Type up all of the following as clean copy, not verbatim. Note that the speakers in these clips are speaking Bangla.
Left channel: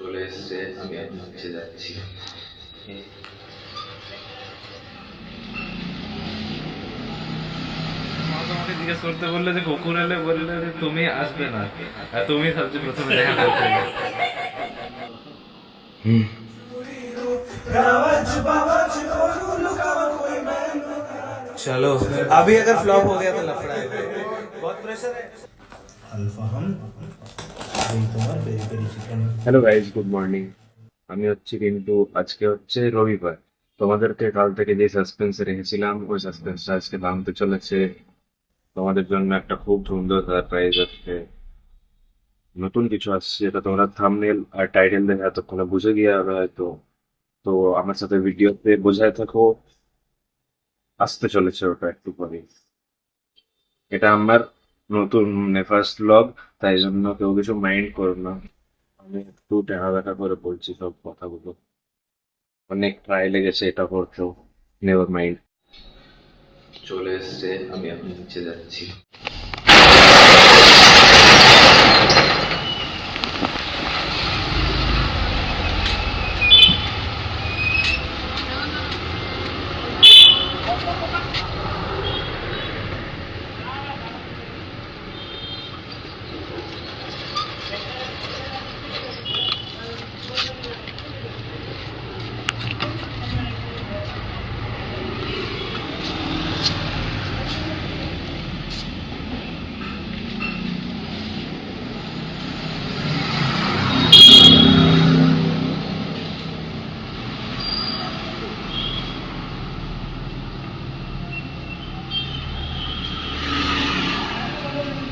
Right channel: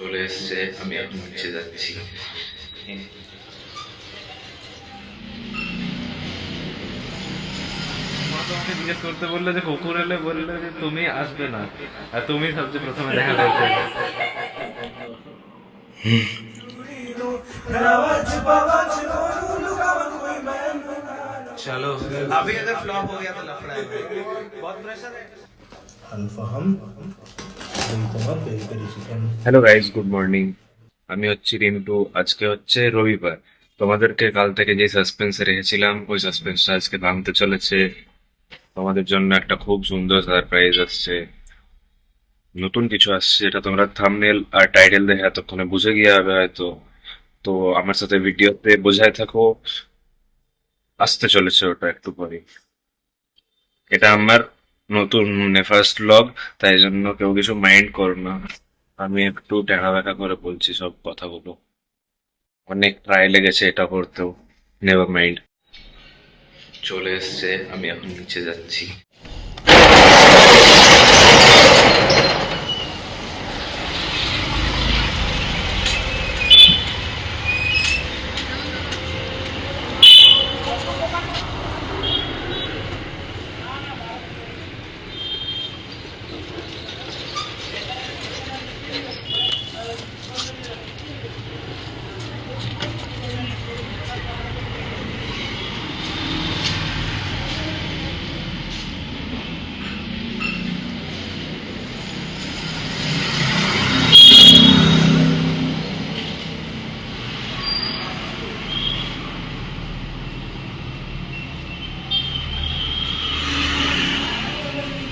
চলে এসছে, আমি এখন নিচে যাচ্ছি। মা তোমাকে জিজ্ঞেস করতে বললো যে কুকুর এলে, বললো যে তুমি আসবে না, আর তুমি সবচেয়ে প্রথমে দেখা করতে এলে। चलो अभी अगर फ्लॉप हो गया तो लफड़ा है भाई। बहुत प्रेशर है। আলফাহাম এই তোমার peri peri chicken. Hello guys, good morning. আমি হচ্ছি রিন্টু। আজকে হচ্ছে রবিবার। তোমাদেরকে কাল থেকে যে সাসপেন্সে রেখেছিলাম, ওই সাসপেন্সটা আজকে ভাঙতে চলেছে। তোমাদের জন্য একটা খুব সুন্দর সারপ্রাইজ আসছে, নতুন কিছু আসছে, যেটা তোমরা থাম্বনেল আর টাইটেল দেখে এতক্ষণে বুঝে গিয়ে হবে হয়তো। তো আমার সাথে ভিডিওতে বোঝায় থাকো, আসতে চলেছে ওটা একটু পরে। এটা আমার নতুন ফার্স্ট ব্লগ, তাই জন্য কেউ কিছু মাইন্ড করো না। আমি একটু ট্যাড়া ব্যাকা করে বলছি সব কথাগুলো, অনেক ট্রাই লেগেছে এটা করতেও। নেভার মাইন্ড, চলে এসছে, আমি এখন নিচে যাচ্ছি।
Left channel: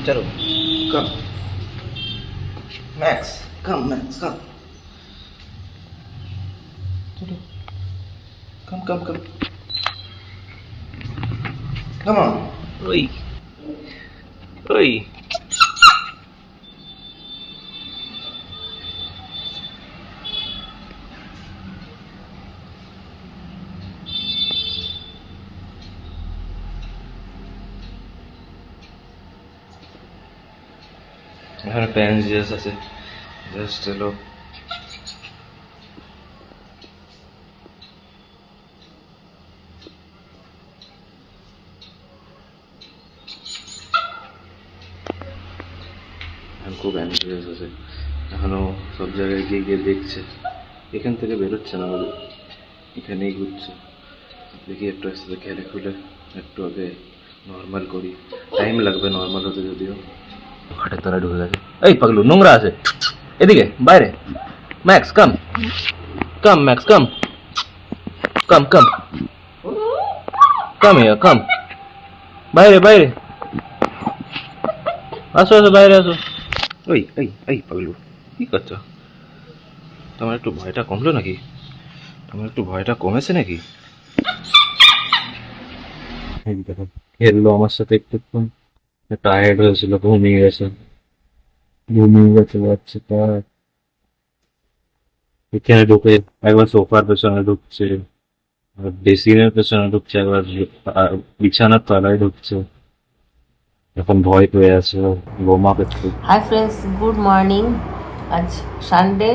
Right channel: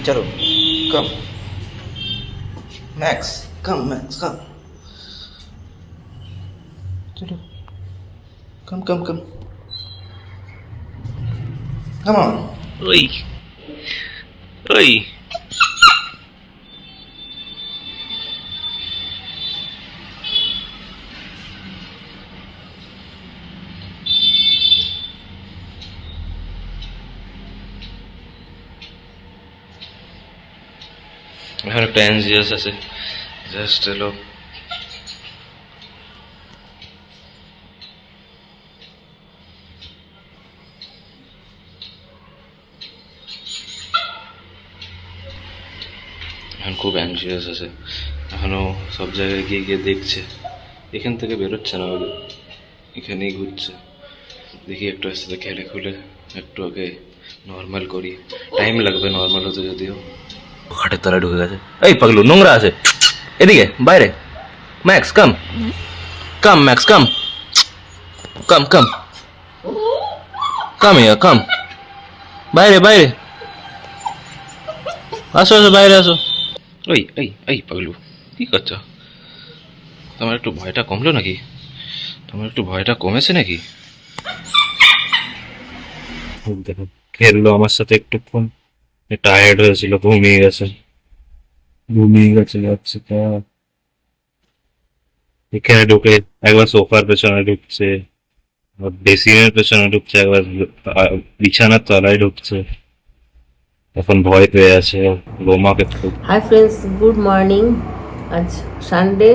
चलो कम मैक्स, कम मैक्स, कम। चलो कम कम कम कम ऑन। ওই ওই এখন একটা এনজিএস আছে, জাস্ট এলো। এখন খুব অ্যাংজিয়াস আছে, এখনো সব জায়গায় গিয়ে গিয়ে দেখছে। এখান থেকে বেরোচ্ছে না, বলে এখানেই ঘুরছে। দেখি একটু আস্তে খেলে খুলে একটু আগে নর্মাল করি। টাইম লাগবে নর্মাল হতে, যদিও। খাটের তলায় ঢুকে গেছে। এই পাগলু, নোংরা আছে এদিকে, বাইরে। ম্যাক্স কাম, কাম ম্যাক্স কাম, কাম কাম কাম, ইয়া কাম, বাইরে বাইরে আসো আসো, বাইরে আসো। ওই এই এই পাগলু, কি করছো? তোমার একটু ভয়টা কমলো নাকি? তোমার একটু ভয়টা কমেছে নাকি? দেখো, খেললো আমার সাথে একটুক্ষণ, টায়ার্ড হয়েছিল, ঘুমিয়ে গেছে। ঘুমিয়ে গেছে যাচ্ছে তার। এখানে ঢুকে একবার সোফার পেছনে ঢুকছে, আবার বেসিনের পেছনে ঢুকছে, একবার বিছানার তলায় ঢুকছে। এখন ভয় পেয়ে আছে বোমাকে খুব। Hi friends, good morning. আজ সানডে,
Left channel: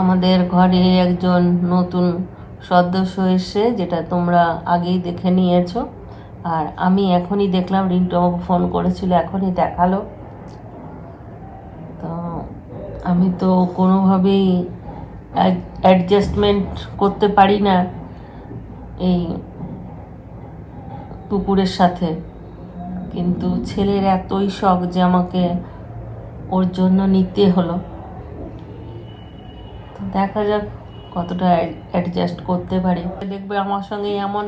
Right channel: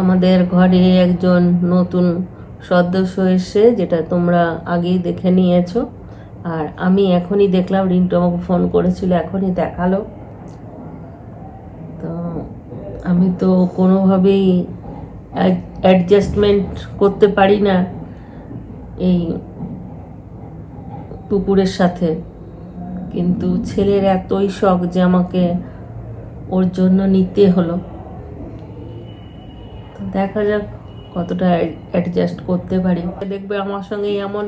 আমাদের ঘরে একজন নতুন সদস্য এসে, যেটা তোমরা আগেই দেখে নিয়েছো। আর আমি এখনই দেখলাম, রিন্টু আমাকে ফোন করেছিল, এখনই দেখালো। তো আমি তো কোনোভাবেই অ্যাডজাস্টমেন্ট করতে পারি না এই কুকুরের সাথে, কিন্তু ছেলের এতই শখ যে আমাকে ওর জন্য নিতে হলো। তো দেখা যাক কতটা অ্যাডজাস্ট করতে পারি। দেখবে আমার সঙ্গে এমন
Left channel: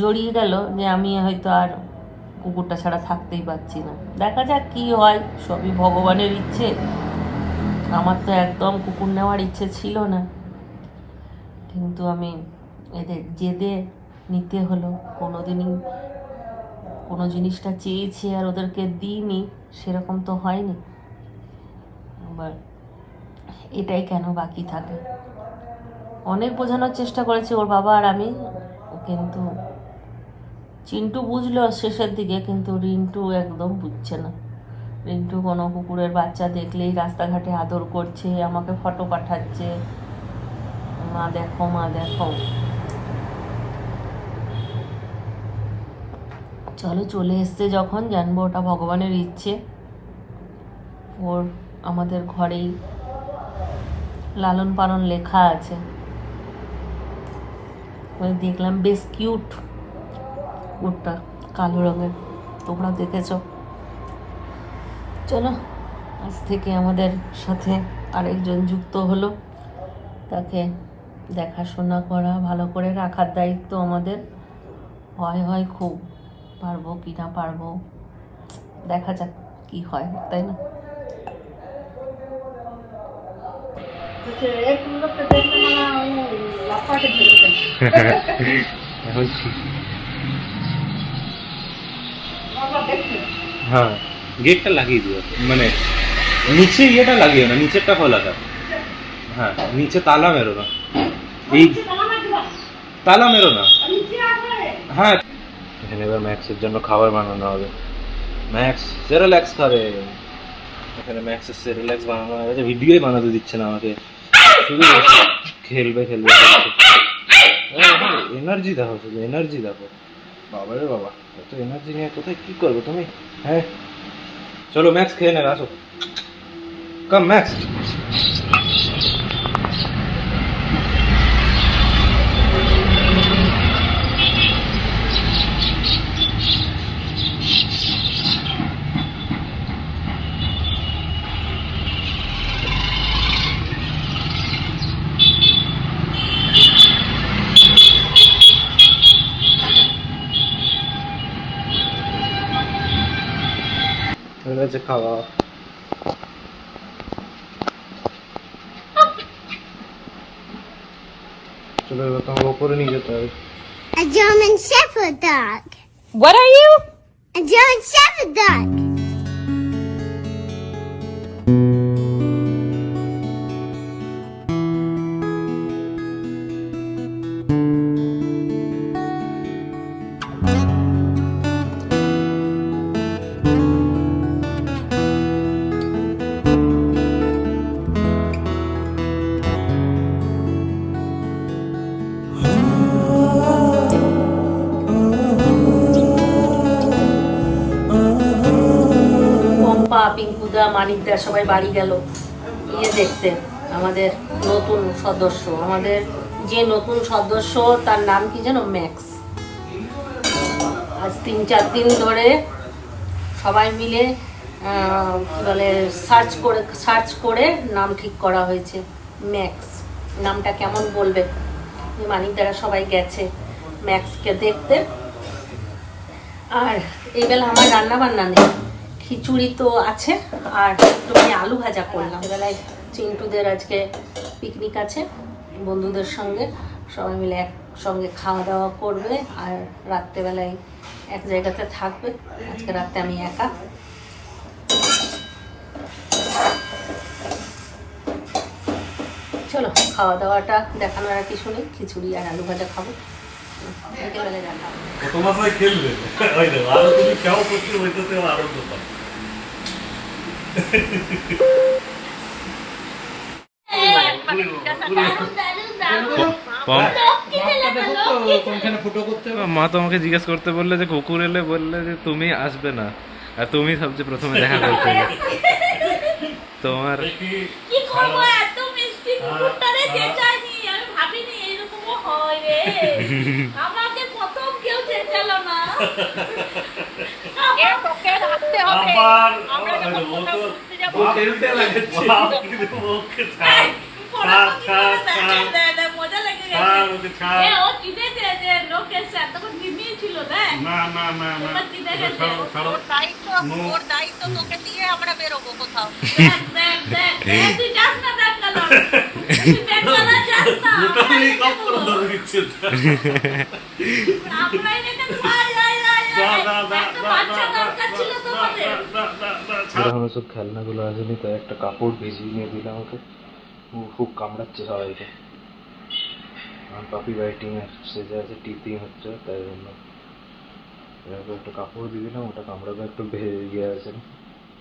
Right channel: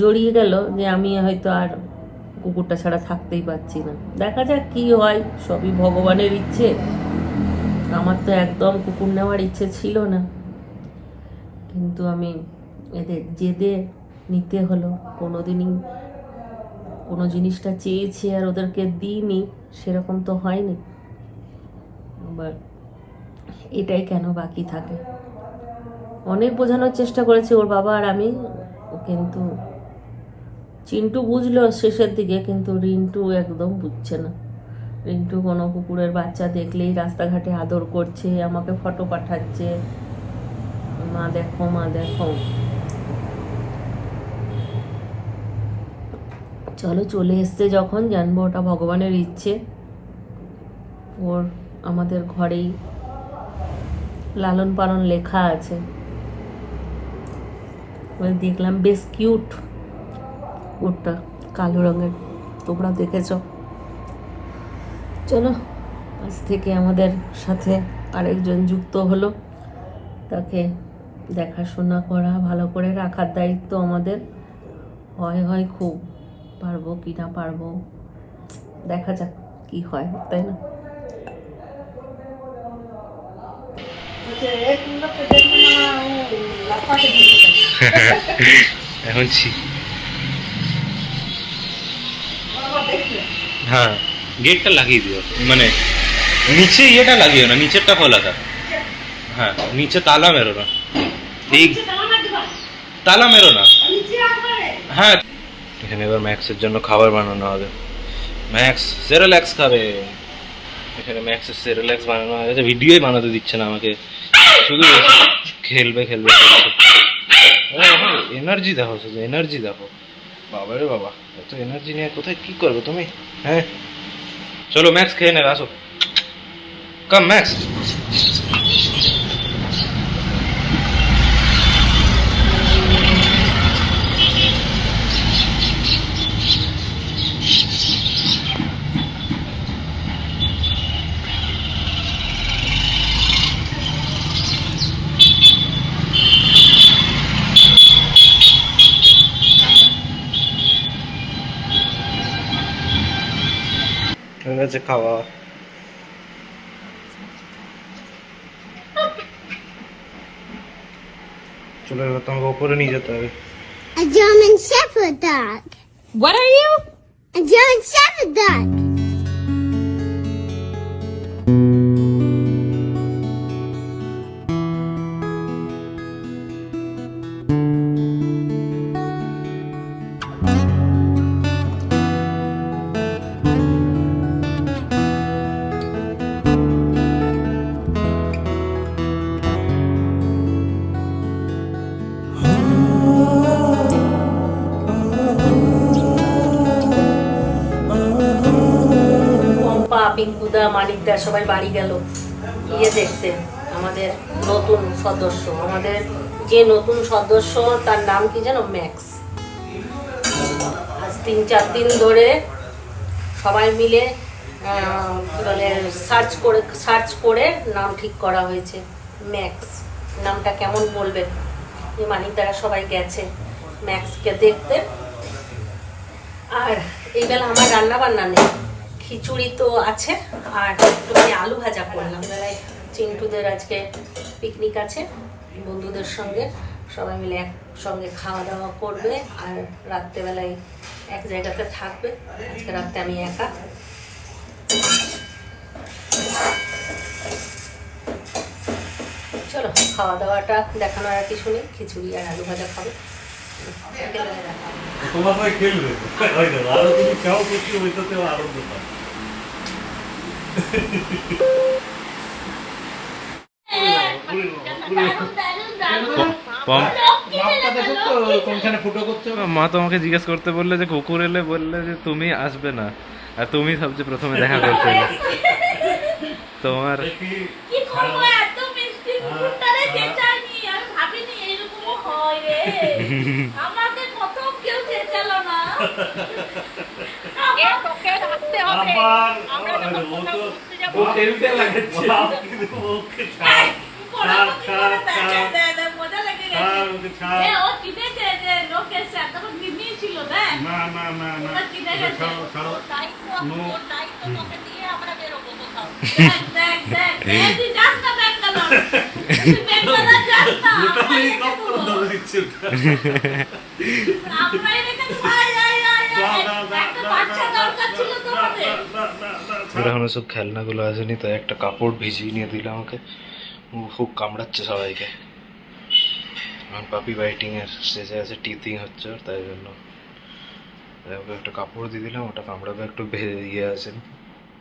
জড়িয়ে গেল যে আমি হয়তো আর কুকুরটা ছাড়া থাকতেই পারছি না। দেখা যাক কি হয়, সবই ভগবানের ইচ্ছে। আমার তো একদম কুকুর নেওয়ার ইচ্ছে ছিল না, কিন্তু আমি এদের জেদে নিতে হলো। কোনোদিনই কোনো জিনিসটা চেয়েছি আর ওদেরকে দিইনি, সেরকম তো হয়নি। আবার এটাই কেন বাকি থাকে। অনেক বোঝানোর চেষ্টা করেছি ওর বাবা আর আমি, কিন্তু চিন্টু বুঝলো শেষের দিকে, কিন্তু রিন্টু একদম বুঝছে না। রিন্টু কোনো কুকুরের বাচ্চা দেখলেই রাস্তাঘাটে আদর করছে, আমাকে ফটো পাঠাচ্ছে, মা দেখো মা দেখো। চলো চলে এসছে যখন, জানবো ওটা ভগবানের ইচ্ছে। ওর আমাদের ঘরেই লালন পালন লেখা আছে। দেখলাম বেশ কিউট কুকুরটা, কালো রঙের, তোমরা দেখেছ। চলো আজ থেকে আমাদের সাথে আরেকজন যুক্ত হলো, তাকে দেখাশোনা করা, ভালো করে রাখার দায়িত্ব আমাদের। হয় খুব, পারবো কি না পারবো দেখা যাক কি হয়, তাই না? এখন হ্যাঁ, গেটটা লাগিয়ে দিও, মানে নিচে ইয়েটা লাগিও না, নিচেরটা খোলা থাক। হ্যাঁ, নিচে তালা মেরো না, এই তালা মেরো না। হ্যাঁ, এখানে এবার ম্যাক্সের জন্য খাবার বানানো হবে। ম্যাক্স সেরেল্যাক্স খাবে। এখানে ম্যাক্সের সেরেল্যাক্স বানানো হয়েছে, ভিডিওই বানাতে দিচ্ছে না আমাকে, শুধু খেলবে। এনার্জি দেখো, শুধু এনার্জি দেখো। বাবা রে বাবা, এত এনার্জি নিয়ে কোথায় কি করবে তুমি? হ্যাঁ চলো ম্যাক্স খেয়ে নেবে, আসো। কাম ম্যাক্স। হয়ে গেছে খাওয়া। চলো এবার তোমাকে ওপরে নিয়ে যেতে হবে। A German Shepherd dog. What are you? A German Shepherd dog. Pampa, পিঙ্কুদা, Manikda সবাই বাড়ি গেল ইয়ে দেখতে, আমাদের নতুন সদস্য। আমাদের যে নতুন সদস্য তার নাম কি যেন, ম্যাক্স। আজ 3-4 দিন ধরে সবাই মিলে কি বলে সার্চ করে নাম ঠিক করা হয়েছে, ম্যাক্স। নামটা কেমন বলবে? যে মানিকদারা সবাই গেছে ম্যাক্সকে দেখতে। আর এই বেলা আমার রান্না বান্না নেই, খিচুড়ি তো আছে, আর একটু আলু ভাজা করলাম। বেলায় চিন্টুদের আজকে পিকনিক আছে বন্ধুদের সঙ্গে, সবাই মিলে একসঙ্গে খাওয়া দাওয়া করবে, আর রাত্রেবেলায় এক জায়গাতে থাকবে। আজকে রাতে আমি একা। চলো খাওয়া দাওয়াটা দেখানোর আর কিছু নেই, খিচুড়ি আর আলু ভাজা খাবো, বিকেলবেলায় দেখা হবে। তোমার সাথে খেলবে ওই দেখো, আরো তুমি কেমন করছি ওইটাতে আনন্দ পাও। মা তোমাকে জিজ্ঞেস করতে বললে যে কুকুর এলে, বললে যে তুমি আসবে না, আর তুমি সবচেয়ে প্রথমে দেখা করতে এলে। তোমার কি করবো, এত মিষ্টি কুকুরটারে চেঁচায়নি, আমি ভাবিনি এরকমও হয় রে। আমাকে প্রথম কেউ চেঁচালো না। তোকে রাখতে হবে। আমরা যখন কোথাও ঘুরতে যাবো, খেলতে লাগে মজা লেগে গেছে। ও কিনেছে যে লোক এসে, তখন নিমিয়ে ছিল, দেখ এবার কিনে গেছে। ওর দায়িত্ব তোকে দিয়ে আমরা বেরোবো কোথাও। দেখ তুই যাস না ব্যাঙ্গালোর, তুই ব্যাঙ্গালোর যাস না, আমরাই রেখে একটা বাচ্চা দরকার ছিল তোমাদের। এখনো সব খেলনাগুলো আসেনি, তাই একটা কাপড় ভিজিয়ে নিয়ে দিলাম ওকে। খুব কামড়াচ্ছে সবাইকে। আমার পাপি বাইটিং এর স্টেজে আছে, টিথিং হচ্ছে ওর, তাই জন্য ওকে একটা কাপড় দিয়ে দিলাম, ওটা কামড়াবে একটু ইয়ে আছে,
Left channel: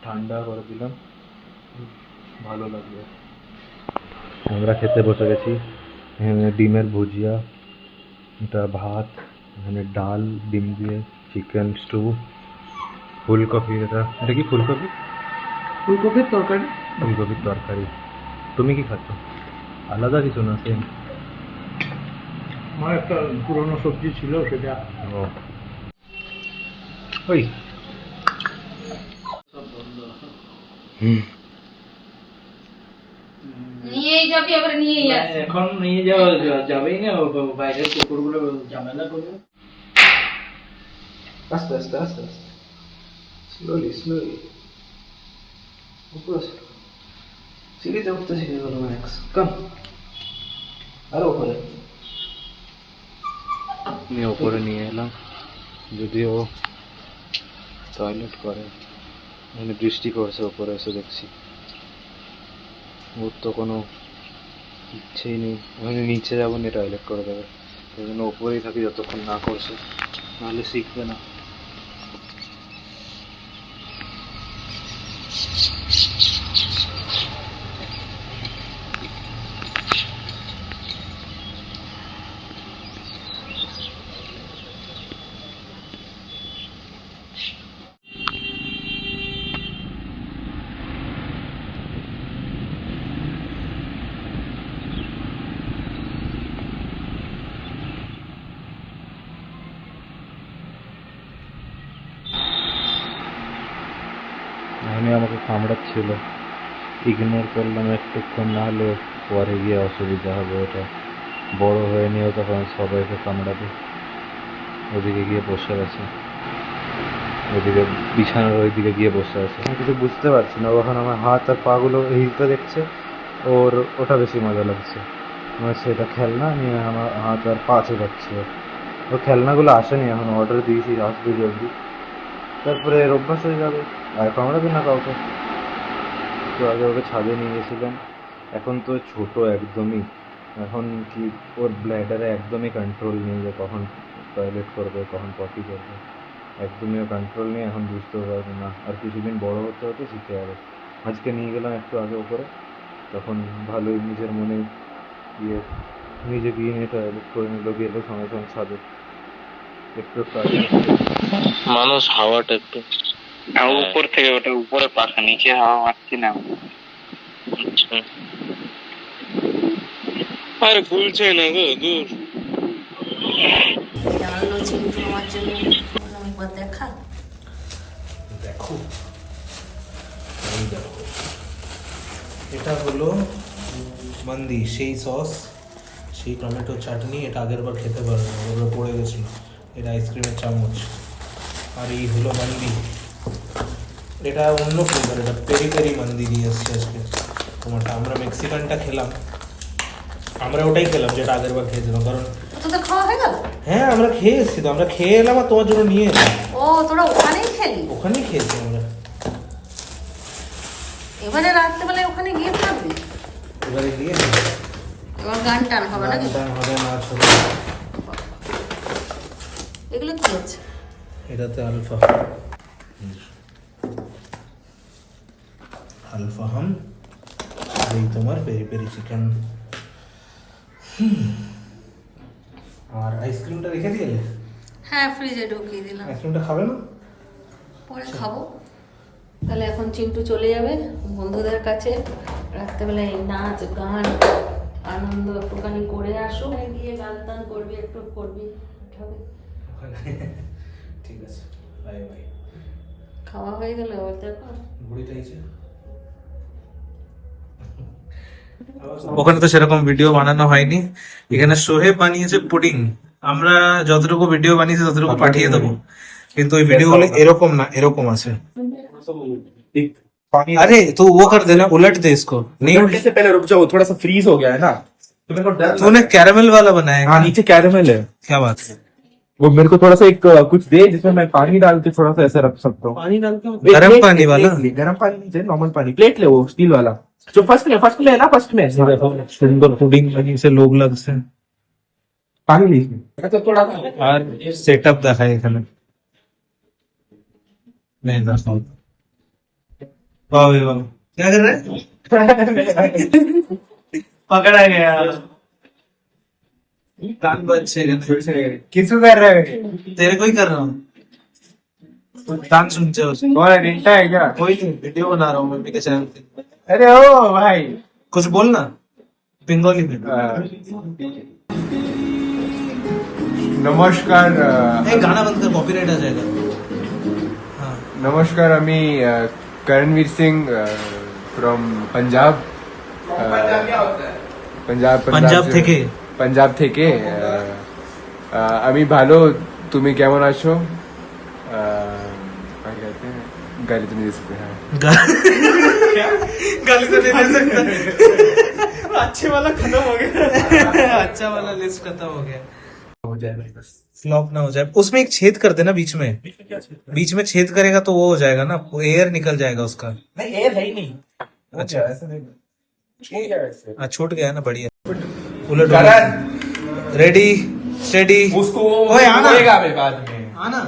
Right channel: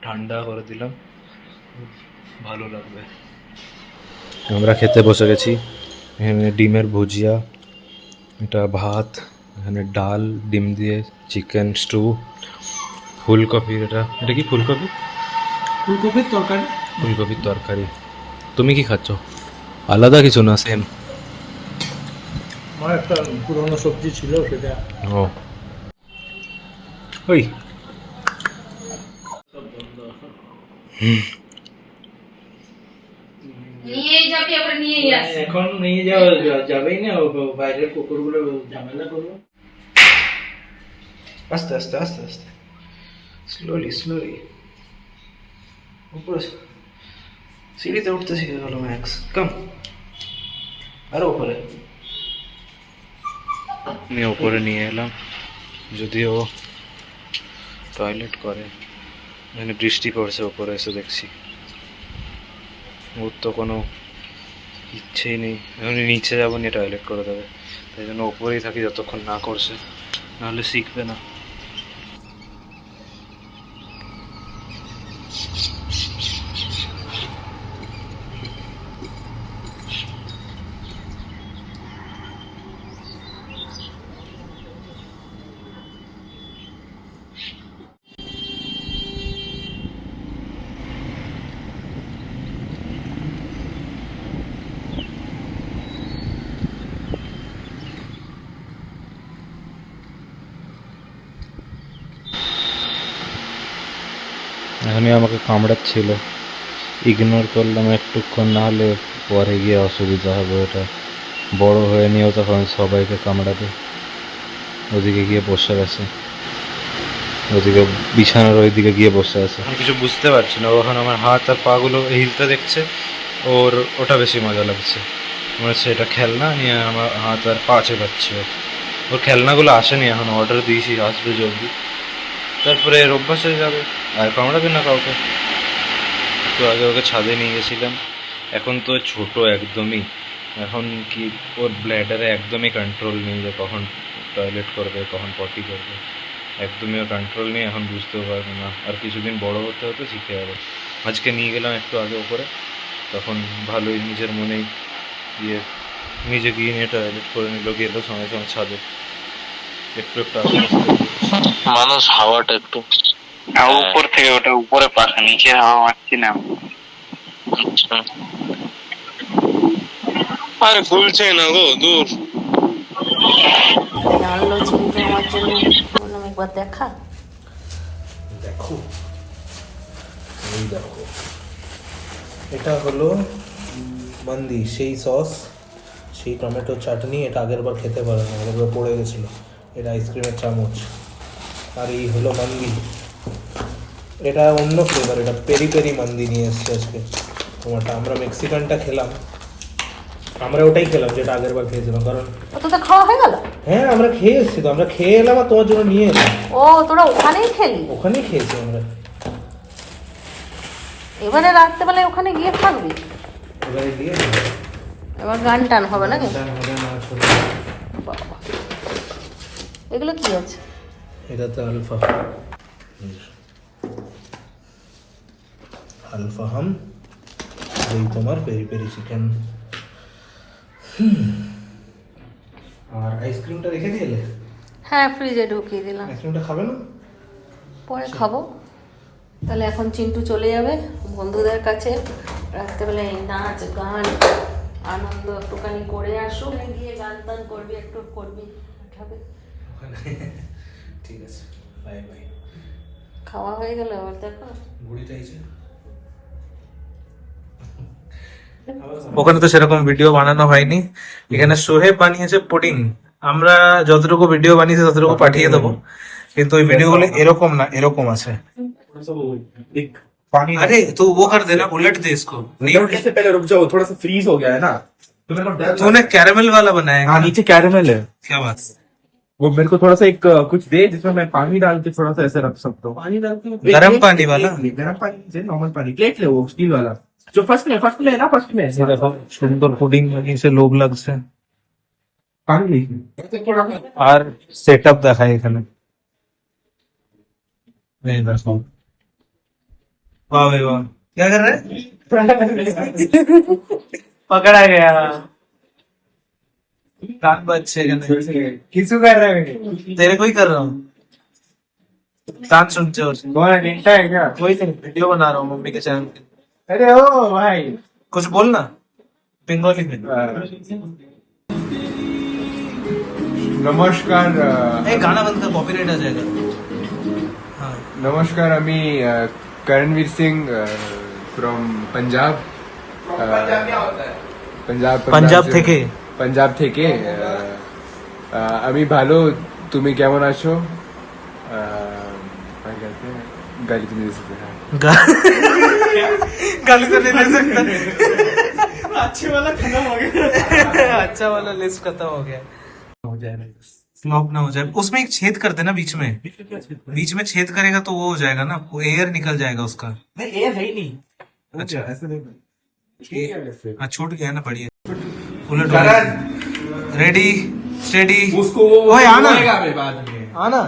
ঠান্ডা করে দিলাম, ভালো লাগবে। আমরা খেতে বসে গেছি। এখানে ডিমের ভুজিয়া, এটা ভাত, এখানে ডাল, ডিম দিয়ে চিকেন স্টু, ফুলকপি, এটা এটা কি ফুলকপি? ফুলকপির তরকারি। ফুলকপির তরকারি। তুমি কি খাচ্ছ? আলাদা কিছু না, সেম? আমার একটা পুরনো সবজি ছিল সেটা। ও ওই নিয়েই যাবি আবার নিয়েই আসি। এখন নিয়ে যাওয়া যাবেই না, বাইরের কুকুরগুলো ঝামেলা করবো। আস্তে আস্তে আস্তে আস্তে, স্লোলি স্লোলি। উপরে সিঁড়িতে উঠতে শিখে গেল ম্যাক্স। কাম আরো উপরে। আমি ওপরে নিয়ে এলাম, যদিও টয়লেট করে। এখানে বৃষ্টি পড়ছে, ওপরে এসে দেখছি ওর তো কোনো ইচ্ছেই নেই। এখন নিচে যাবো, নিয়ে টয়লেট করে দেবে, তাই জন্য ওপরেই থাকি যতক্ষণ না করছে, নাহলে শিখবে না। এখানে আমাকে কামড়াচ্ছিল, ইগনোর করলাম একটুক্ষণ, না হলে পরে গিয়ে অসুবিধা হবে। এটা বড় হয়ে নিয়েও তখন সবাইকে কামড়াবে। ওদিকে গিয়ে বসে আছে, ওদিকে বিছানার ওইদিকে গিয়ে বসে আছে। আমি কিছু বুঝতে পারছি না, ওখানে আমার হাত আর পাগুলো হিলতে দেখছে, ওর ওটা বেশি মজা লাগছে। মনে হচ্ছে এটা খেলনা, নিয়ে আমার হাত আর পা চেপাচ্ছে। ওর খেলনাগুলো আসেনি এখন, অর্ডার দিয়েছি, আসবে জলদি। তারপরে এর অভ্যাস হয়ে যাবে, আর কামড়াবে না কাউকে। একটু আগে ওকে ছাদে নিয়ে গেছিলাম, এখন তো ছোট একদমই, এখন কি ওর ব্ল্যাডারে একদমই কন্ট্রোল নেই যে কখন টয়লেট করবে, কখন পটি করবে, একদমই ওর কন্ট্রোল নেই। এখন বুঝতেও পারবে না, আর কিছুদিন বড় হতে হতে শিখে যাবে। আজকে নিয়ে গেলাম একটু আগে ওপরে, তখন ভালোই নিজের মনেই গিয়ে নিজে গিয়ে নিয়ে টয়লেট করে নিল, গেলো সঙ্গে সঙ্গে ছাদে। একটু একটু আস্তে আস্তে মানুষ হাওয়াটা একটু উপর থেকে, ওটা উপরে পাখা, নিচে হাওয়া মারছি না। আরে খুলছে না গো, দূর। জানলো চিন্টু আমার জন্য, বললাম একবার দেখা। দেখো, এই দেখো, এটা হলো মান্দি, সেই সস, সেই টমেটো চাটনি। এটা আগের বার খেতে পারে না, আগের বার পড়ে গেছিল। এটা আইসক্রিমের চামচ। আর এই হলো মান্দি, এটা অন্য ফ্লেভার, এটা পেরি পেরি মান্দি নিয়ে এসছে আজকে তোমারটা। আমরা মেক্সিকানটা খেলাম, আমরা ওটাই খেলাম যেটা আগের বার খেয়েছিলাম, কারণ ও তোদের খাওয়া হয়ে গেল? হ্যাঁ আমরা খেয়ে এসেছি তো, আমরা খেয়ে এলাম আর তোমার জন্য নিয়ে এলাম। ও তোরা ওখানেই খেলি? ওখানেই খেয়েছি আমরা। এবারে রাত্রেবেলায় ওখানে গিয়ে থাকবি? এবারে গিয়ে এবার গান টান হবে নাকি? গান হবে, নাচ হবে। বাবা, এগুলো কি আছে? এটাতে আলফা, আলফা হাম, এই তোমার পেরি পেরি চিকেন। আর আইসক্রিমটা রেখে দিলে? হ্যাঁ, ফ্রিজে ঢুকিয়ে দিলাম। আইসক্রিমটা খাবে না? পরে খাবো। তাহলে এখন চিন্টু চলে যাবে বন্ধুদের কাছে, রাত্রেবেলায় নাচ গান আনন্দ একটুখানি করে আসুক, গিয়ে গান টান করবি, একটু করবি, হবে। ঠিক আছে, বাই বাই। খাওয়া হয়ে গেল আবার দেখো। ঘুড়িটা এসে ওখানে তো সেরকম ভিডিও বানানো হয়নি, এখানে সোহেব বানিয়েছে পুডিং। আমরা যতটুকু ভিডিও বানিয়েছি ততটুকু পাঠিয়ে দেবো, কিন্তু ওই ভিডিও গুলো এরকম না, এরকম আছে। अरे तो वो कर देना, उलट दे इसको। नहीं उलटने से पहले रुक जाओ, थोड़ा सा फ्रीज हो गया है ना, तो मेरे को डर लग तूने कैरेमल वाला बनाया है? हाँ, नीचे कैरेमल है। क्या बात है। वो मेरे को थोड़ा सा एक कुछ दे जिसमें मैं पानी डाल के थोड़ा सा ऐसे रख सकता हूँ। पानी डाल के गरम पानी वाला? गरम पानी नहीं चाहिए, नॉर्मल पानी। प्लेट ले, वो स्टील वाला जो फर्स्ट में है ना, फर्स्ट में। ये देखो सुंदर पुडिंग बनी से लोग लगছে। पानी लीजिए। আর সেটআপ দেখাই এখানে, এই দেখো वाह भाई वाह, क्या कर रहे हैं? पकड़ा गया। कान बंद छे किसको कर रहे हो? तेरे को ही कर रहा हूँ। कान सुनते हो? कौन है? रिंटा है क्या? कोई नहीं, वीडियो बना रहा हूँ मम्मी के चैनल पे। अरे ओ भाई, कुछ बोलना बंगाली में। नमस्कार गाना बंद कर, कॉपीराइट आ जाएगा। हाँ, नमस्कार, আমি করণবীর সিং ফ্রম পাঞ্জাব। পাঞ্জাব থেকে। পাঞ্জাব থেকে। আমি ভালো, তুমি কেমন আছো? গালি তো নিয়ে सकते हैं। गाली तो नहीं दे सकता। अच्छे वाला खत्म हो गया। अच्छा वाला लिस्ट खत्म हो गया। हो जाएगा बस, फ्लॉप ना हो जाए। उसमें एक छेद कर देना बीच में। बीच में छेद करेगा तो वो हो जाएगा ना, वो एयर निकल जाएगा उसका। नहीं, एयर है ही नहीं। अच्छा, ऐसे नहीं छूट गया वैसे। हाँ छूट गया ना, बढ़िया। उलट रेडी स्टेडी। उसको ओए आना, बाद में आना।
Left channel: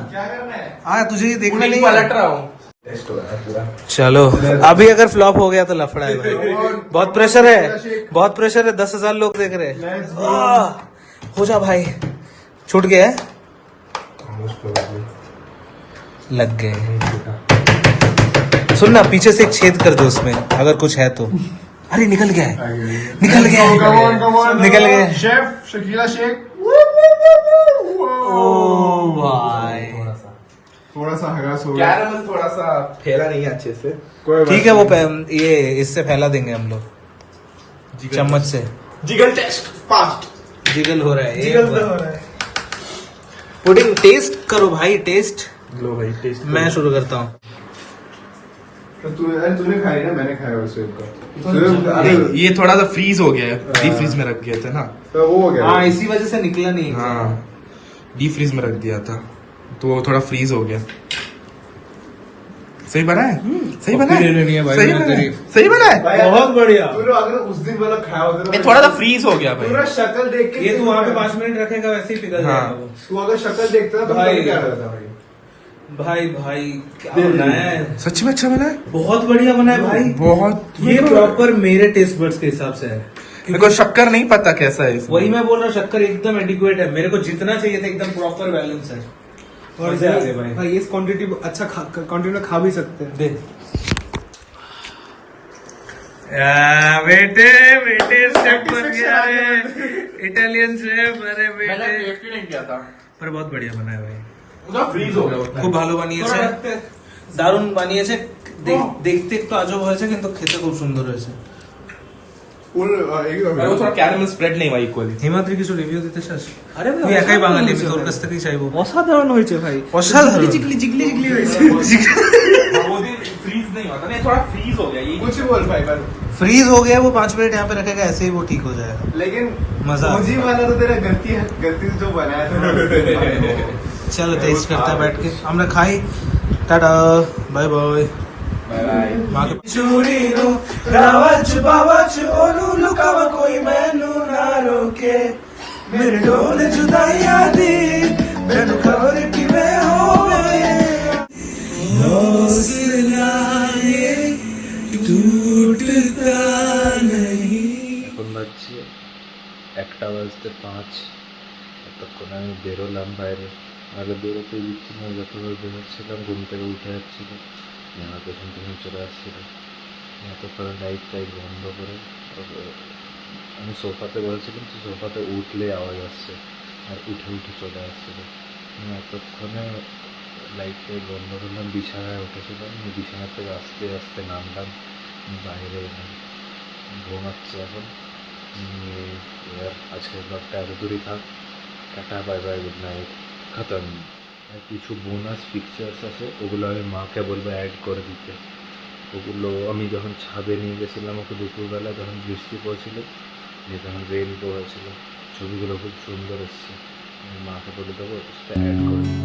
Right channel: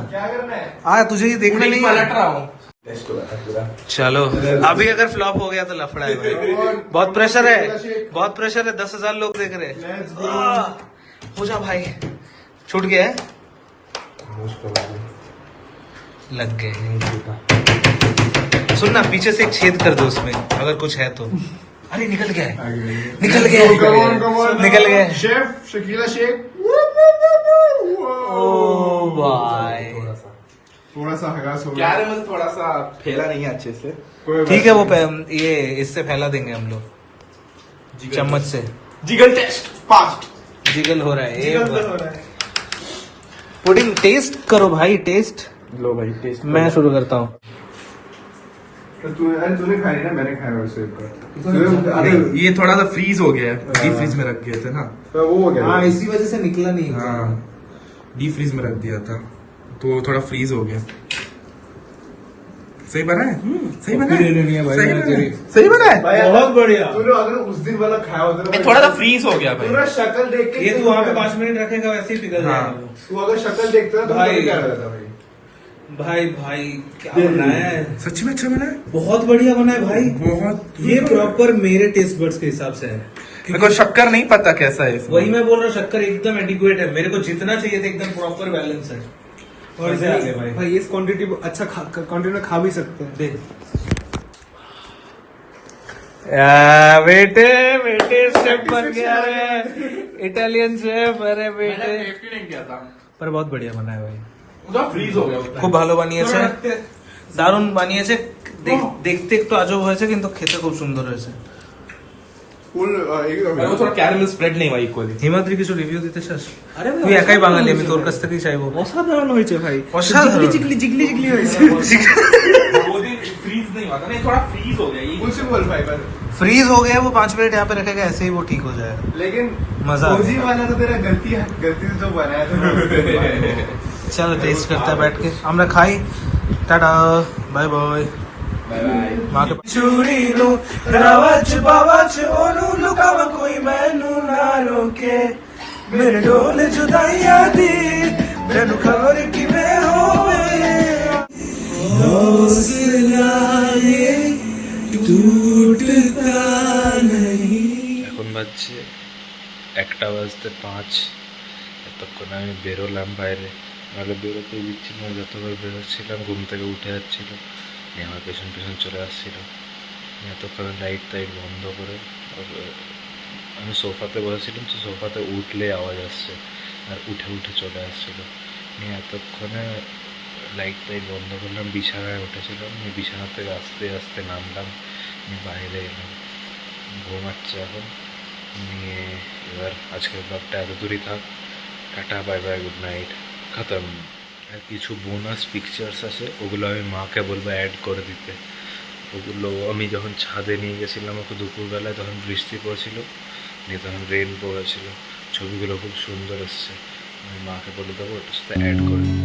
हाँ तुझे ये देखना नहीं है। पलट रहा हूँ। चलो, अभी अगर फ्लॉप हो गया तो लफड़ा है भाई। बहुत प्रेशर है, बहुत प्रेशर है। 10,000 लोग देख रहे हैं। हो जा भाई। छूट गया है, लग गए। सुन ना, पीछे से एक छेद कर दो उसमें अगर कुछ है तो। अरे निकल गया है, निकल गया है, निकल गया है। शेफ शकीला शेख। ओ भाई, थोड़ा सा हरास हो गया, थोड़ा सा फैला नहीं है अच्छे से। ठीक है, वो ये इससे फैला देंगे हम लोग, चम्मच से। Jiggle test fast. जिगल हो रहा है, एक बार। पुडिंग टेस्ट करो भाई, टेस्ट। लो भाई टेस्ट। मैं शुरू करता हूँ। तूने खाई ना, मैंने खाया वैसे अरे ये थोड़ा सा फ्रीज हो गया है, डीप फ्रीज में रख गया था ना, तो वो हो गया। हाँ, इसी वजह से निकला नहीं। हाँ डीप फ्रीज में रख दिया था तो वो थोड़ा फ्रीज हो गया। सही बना है, सही बना है, सही बना है। बहुत बढ़िया। तूने अगर उस दिन वाला खाया होता ये थोड़ा सा फ्रीज हो गया भाई। पूरा शक्ल देख के ये तू वहाँ पे 5 मिनट रखेगा वैसे ही पिघल हाँ। जाएगा वो। तू अगर शक्ल देखता तो भाई। क्या रहता भाई? भाई भाई क्या बनाया है, सच में अच्छा बना है, बहुत बढ़िया बना है भाई। बहुत। ये प्रॉपर मेरे टेस्ट बड्स के हिसाब से है। मेरे को शक्कर नहीं पता कैसा है इसमें। वही मैं बोल रहा हूँ, शक्कर एकदम एडिक्वेट है। मेरे को जितना चाहिए था एकदम प्रॉपर बैलेंस है। और आगे भाई इस क्वांटिटी अच्छा क्वांटिटी में खा भी सकते हैं। देख बेटे, बेटे शेफ बन गया है, इटालियन शेफ। अरे बेटे, नहीं किया था, पर बहुत बढ़िया बना है भाई। ফ্রিজ हो गया। খুব ভালো বানিয়েছে, দারুণ বানিয়েছে। দেখতে একটু আজব হয়েছে কিন্তু খেতে খুব সুন্দর হয়েছে। थोड़ा कैरमल स्प्रेड नहीं हुआ इक्वली। হিমাদ্রি কিছু রিভিউ দিতে চাস? আরে তুই একাই বাঙালি, আমি তোর কাছ থেকেই চাইবো। অসাধারণ হয়েছে ভাই, অসাধারণ। फ्रीज नहीं हुआ था ना, थोड़ा फ्रीज हो गया। कुछ बोल भाई बस। फ्रीज हो गया, वो 5 मिनट यहाँ पे रखेगा, ऐसे ही वो ठीक हो जाएगा। लेकिन मजा आ मुझे वाला तो तेरा गलती से जो बनाया था। चलो टेस्ट करते हैं बैठ के। আমরা খাই, টাটা, বাই বাই। माके चूरी लो रावच बावच ओनू लुकावा कोई मैनू ना रोके, मेरे ढोल जुदाइया दी मैनू खबर कि मैं होवे हौसला ये टूटता नहीं। এখন বাজছে 1:05। এতক্ষণ আমি বেরোলাম বাইরে, নাহলে বেরোতেই দিচ্ছি না। যতবার বেরোচ্ছিলাম ঘুম থেকে উঠে যাচ্ছিল, নিয়ে আমার পেছন পেছন চলে আসছিল। এতক্ষণ লাইট টাইট বন্ধ করে আমি সোফাতে বসেছিলাম, তো সোফাতে উঠলে আওয়াজ আসছে আর উঠে উঠে চলে আসছিল। নিয়ে এতক্ষণে লাইট টাইট বন্ধ করলাম, বিছানায় উঠেছিলাম, নিয়ে বিছানা থেকে আস্তে আস্তে নামলাম, নিয়ে বাইরে এলাম। ঘুমাচ্ছে এখন। নিয়ে এবার আজকের ব্লগটা এত দূরই থাক। Tata, bye bye, good night, খতম। আর কিছু বোনাস পিকচার্স আছে, ওগুলো আমি মাকে বলবো অ্যাড করে দিতে। ওগুলো আমি যখন ছাদে নিয়ে গেছিলাম ওকে দুপুরবেলায়, তখন বৃষ্টি পড়ছিল, নিয়ে তখন রেনবো হয়েছিল। ছবিগুলো খুব সুন্দর এসছে, আমি মাকে বলে দেবো ওটার সাথে অ্যাড করে দিতে।